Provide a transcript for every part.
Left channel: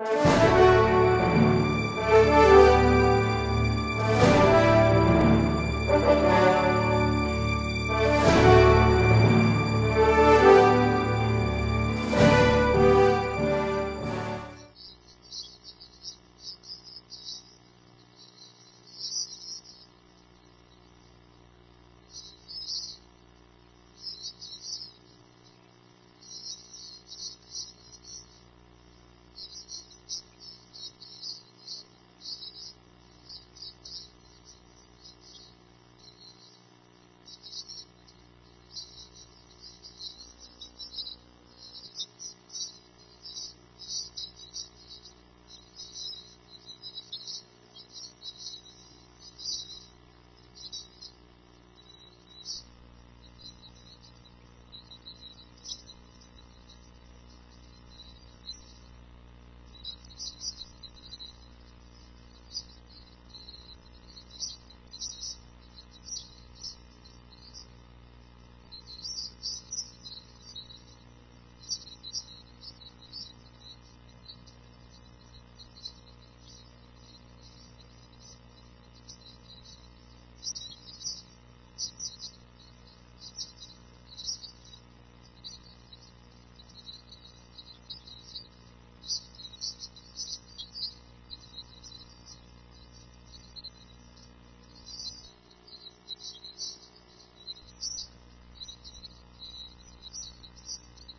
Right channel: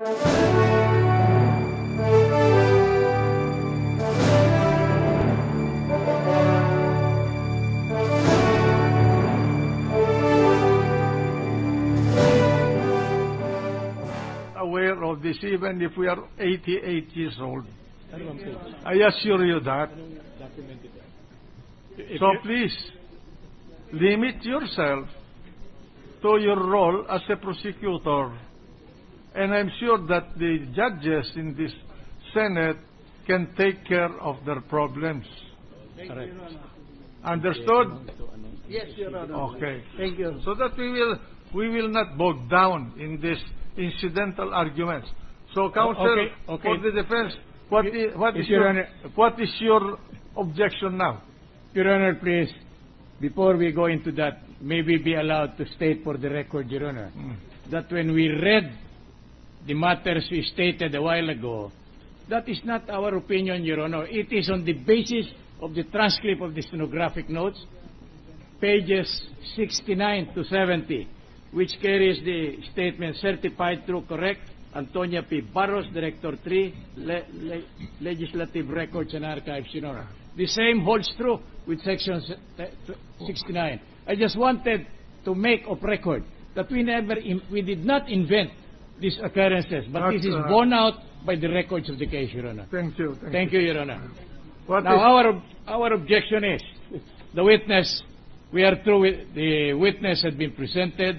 Aware of this, even if we are 88 years old. I assure you that. So please, limit yourself to your role as a prosecutor. And I'm sure that the judges in this Senate can take care of their problems. Correct. Understood? Yes, Your Honor. Okay. Thank you. So that we will not bog down in this incidental arguments. So, counsel, okay. for the defense, what is your objection now? Your Honor, please, before we go into that, may we be allowed to state for the record, Your Honor, that when we read the matters we stated a while ago, that is not our opinion, Your Honor. It is on the basis of the transcript of the stenographic notes, pages 69 to 70, which carries the statement certified true correct, Antonia P. Barros, Director 3, Legislative Records and Archives, Your Honor. The same holds true with Section 69. I just wanted to make of record that we did not invent these occurrences, but this is borne out by the records of the case, Your Honor. Thank you. Thank you, Your Honor. Our objection is the witness. We are through with the witness had been presented.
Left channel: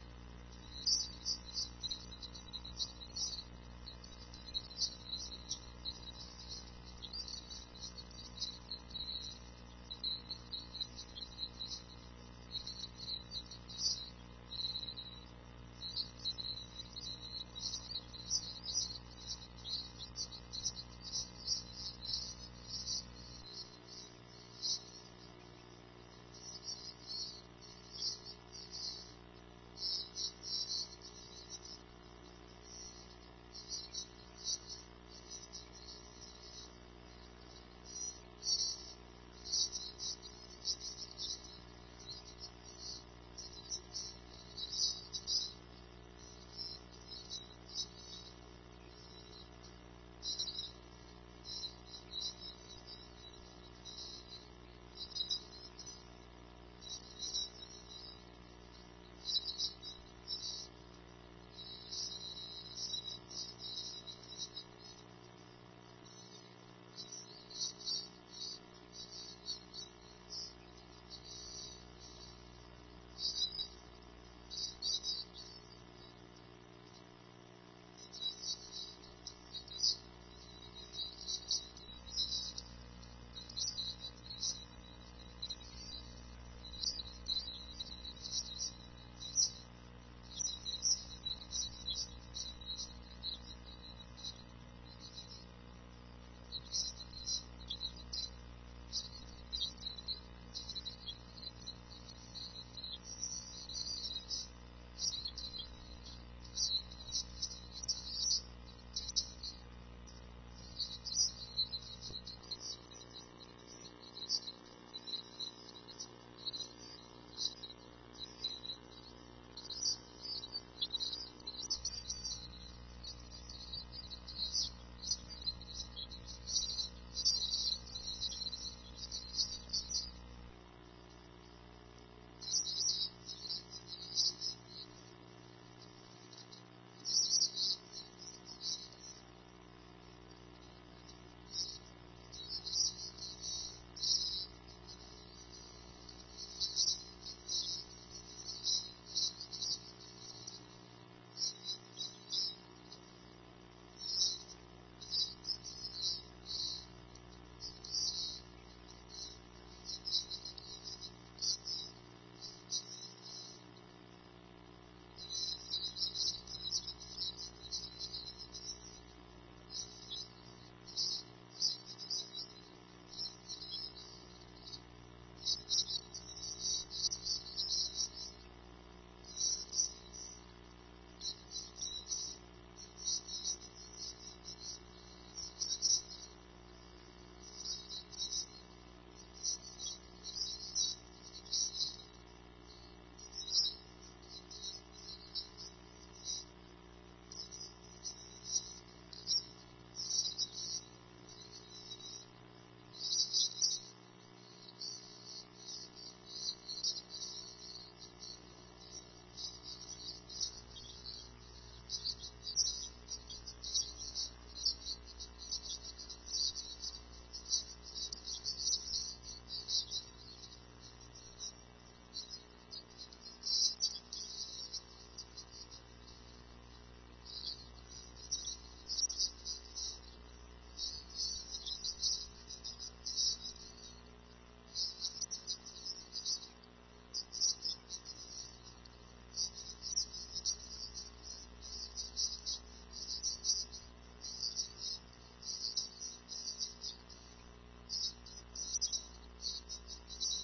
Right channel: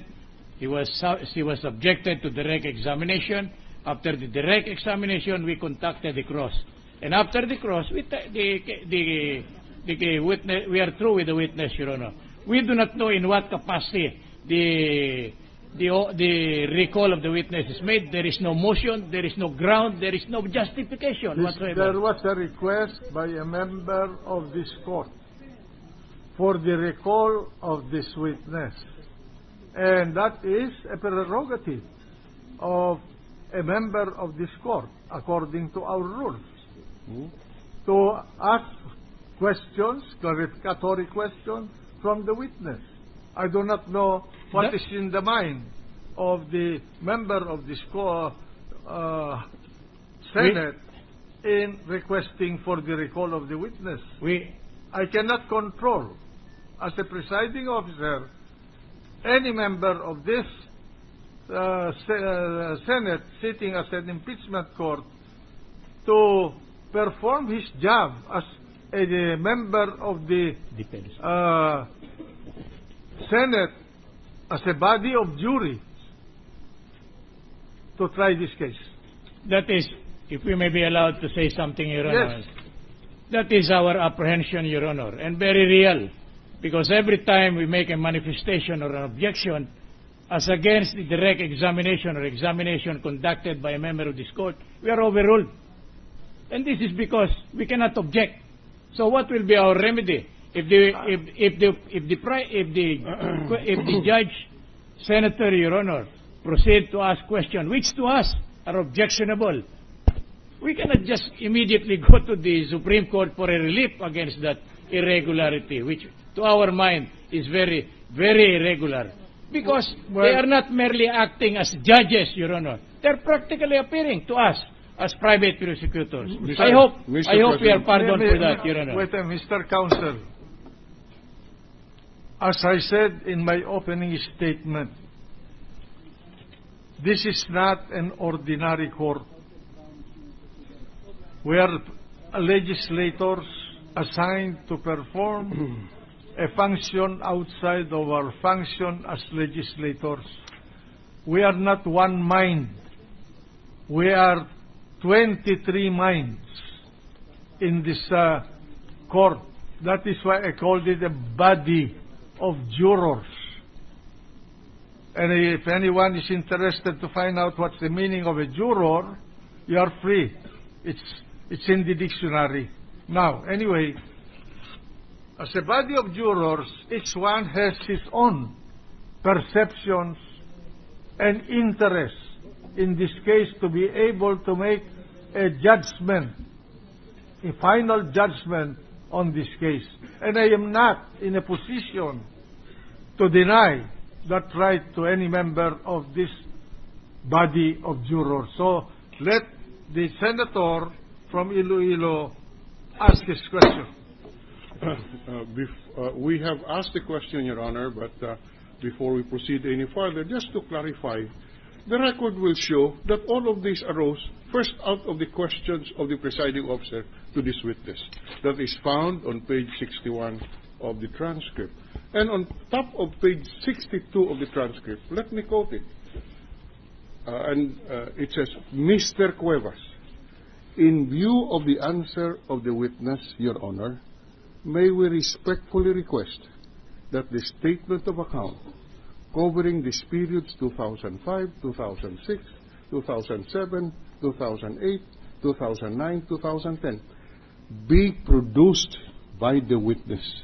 She was subjected to direct examination. After the direct examination, we conducted the cross, and after the cross, we are through with the witness, Your Honor. We do not know in what capacity the recall of the witness is made. There is no motion, there is no ground, there is no justification whatsoever. There was a request by a member of this court for the recall of this witness. And that is a prerogative of a member of this court, according to our rules, to ask questions, clarificatory questions from the witness. I do not know what is in the mind of the member of this Senate in requesting for the recall of the witness. I cannot control, as a presiding officer, any member of this Senate sitting as an impeachment court to perform his job as a member of the Senate as a body of jury to try this case. That is, if we may be allowed to say something, Your Honor. Yes. That is our apprehension, Your Honor, and very real. Because every time we make a manifestation or an objection as against the direct examination or examination conducted by a member of this court, we are overruled. And this is because we cannot object. So what will be our remedy? If the judge, Senator, Your Honor, proceed to ask questions, which to us are objectionable, we cannot just immediately go to the Supreme Court for a relief against that irregularity, which to our mind is very, very irregular. Because they are not merely acting as judges, Your Honor. They are practically appearing to us as private prosecutors. I hope we are pardoned for that, Your Honor. Wait, Mr. Counsel. As I said in my opening statement, this is not an ordinary court. We are legislators assigned to perform a function outside of our function as legislators. We are not one mind. We are 23 minds in this court. That is why I called it a body of jurors. And if anyone is interested to find out what's the meaning of a juror, you are free. It's in the dictionary. Now, anyway, as a body of jurors, each one has his own perceptions and interests, in this case, to be able to make a judgment, a final judgment on this case. And I am not in a position to deny that right to any member of this body of jurors. So let the senator from Iloilo ask his question. We have asked the question, Your Honor, but before we proceed any further, just to clarify, the record will show that all of these arose first out of the questions of the presiding officer to this witness. That is found on page 61 of the transcript. And on top of page 62 of the transcript, let me quote it. It says, Mr. Cuevas, in view of the answer of the witness, Your Honor, may we respectfully request that the statement of account covering these periods 2005, 2006, 2007, 2008, 2009, 2010 be produced by the witness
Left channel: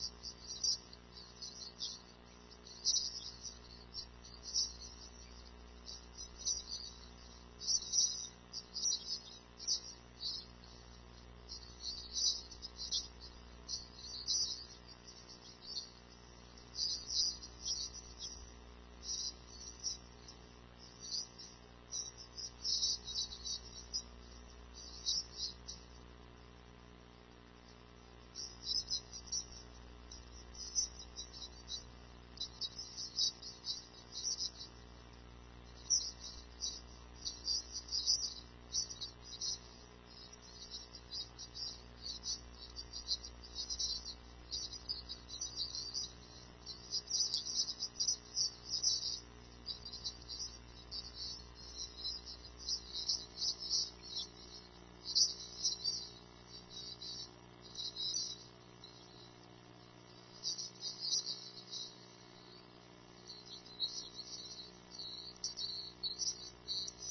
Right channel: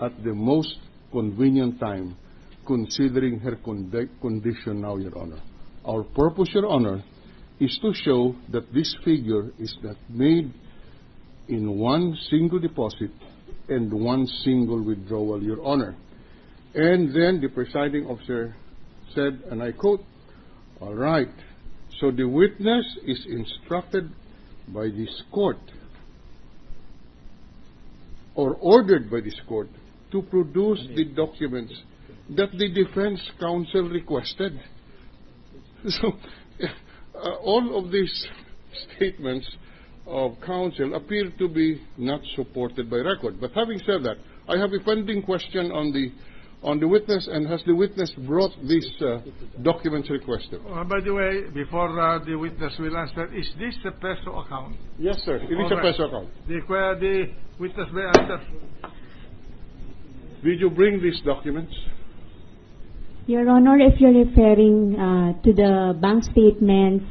at the most convenient time, considering her condition now, Your Honor. Our purpose, Your Honor, is to show that this figure is not made in one single deposit and one single withdrawal, Your Honor. And then the presiding officer said, and I quote, all right, so the witness is instructed by this court or ordered by this court to produce the documents that the defense counsel requested. So all of these statements of counsel appear to be not supported by record. But having said that, I have a pending question on the witness, and has the witness brought these documents requested? By the way, before the witness will answer, is this a peso account? Yes, sir. It is a peso account. The witness may answer. Did you bring these documents? Your Honor, if you're referring to the bank statements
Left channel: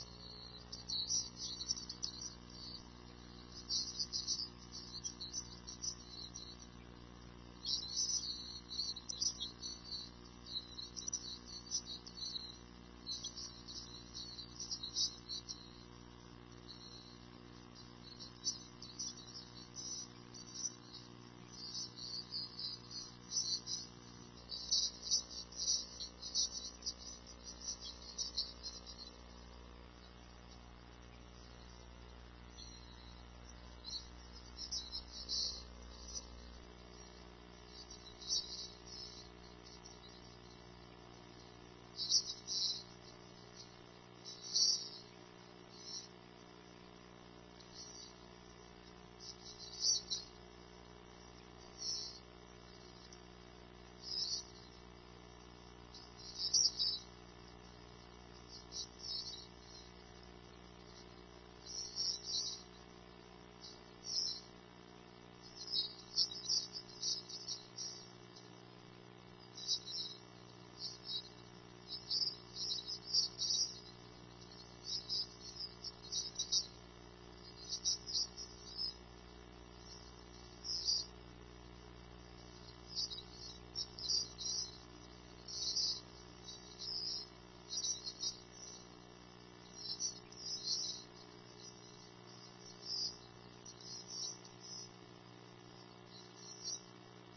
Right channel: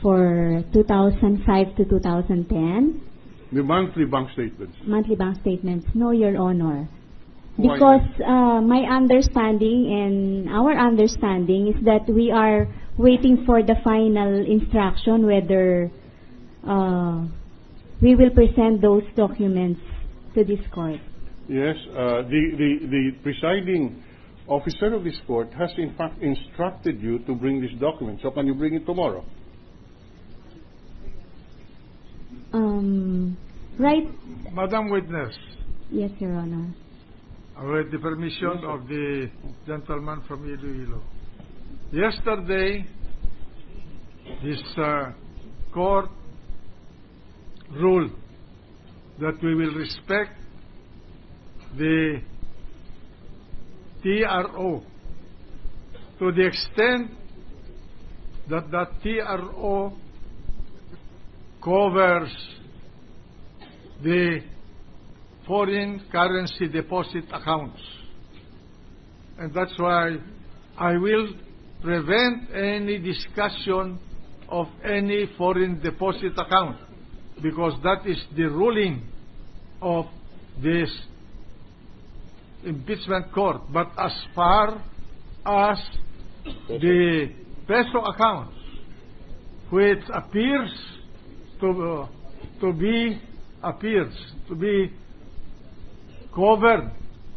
for 2005 to 2010. The monthly bank statements. Monthly bank statements. No, Your Honor. Why? Because my understanding and our understanding is that we are waiting for the final instruction whether we will present those documents to this court. Yes, the presiding officer of this court has in fact instructed you to bring this document. So can you bring it tomorrow? Right. Madam Witness. Yes, Your Honor. With the permission of the gentleman from Iloilo. Yesterday, this court ruled that we will respect the TRO to the extent that that TRO covers the foreign currency deposit accounts. And that's why I will prevent any discussion of any foreign deposit account, because that is the ruling of this impeachment court. But as far as the peso accounts, which appears to be covered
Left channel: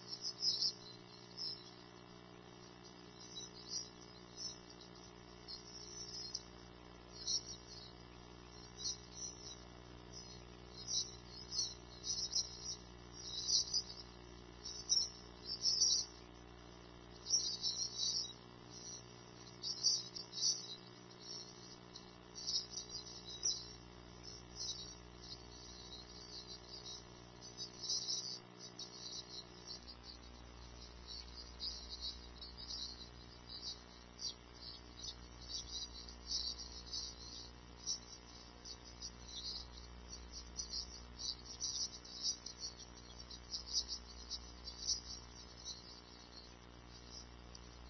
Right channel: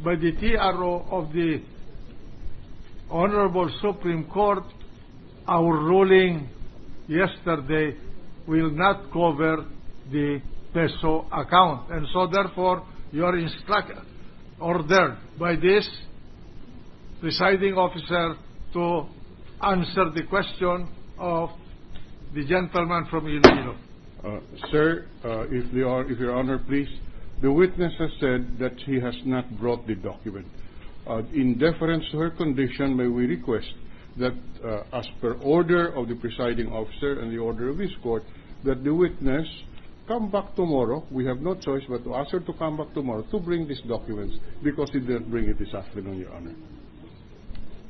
by the TRO of the Honorable Supreme Court, our ruling yesterday will not cover the peso account. And so therefore, you are ordered by this presiding officer to answer the question of the gentleman from Iloilo. Sir, if Your Honor, please. The witness has said that he has not brought the document. In deference to her condition, may we request that, as per order of the presiding officer and the order of this court, that the witness come back tomorrow. We have no choice but to ask her to come back tomorrow to bring these documents, because he didn't bring it this afternoon, Your Honor.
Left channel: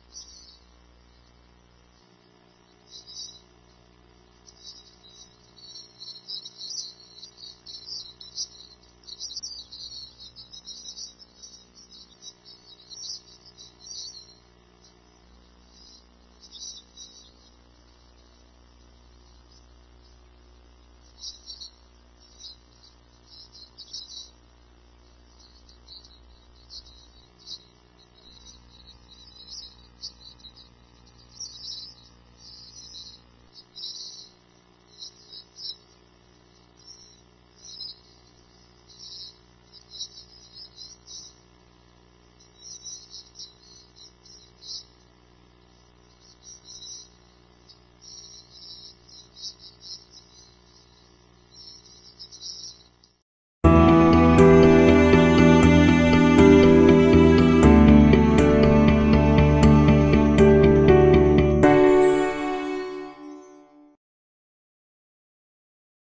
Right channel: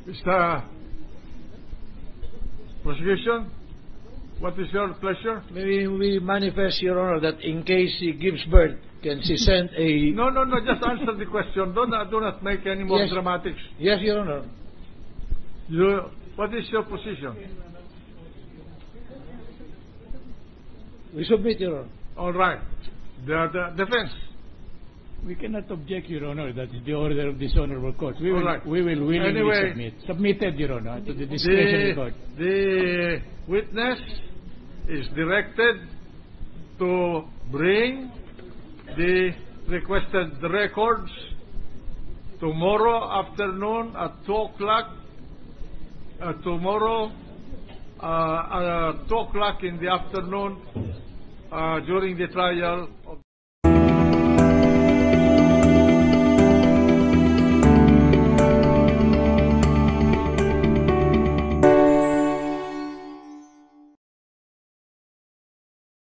Mr. Prosecution, what is your pleasure? Maybe we manifest, Your Honor, that in case she gives birth, can she send a... No, just answer the question. Do not make any more dramatics. Yes, Your Honor. What is your position? We submit, Your Honor. All right. The defense. We cannot object, Your Honor. That's the order of this honorable court. We will, All right. we will willingly Anyway, submit. Submitted, Your Honor, to the discretion of the court. The witness is directed to bring the requested records tomorrow afternoon at 2 o'clock. Tomorrow at 2 o'clock in the afternoon during the trial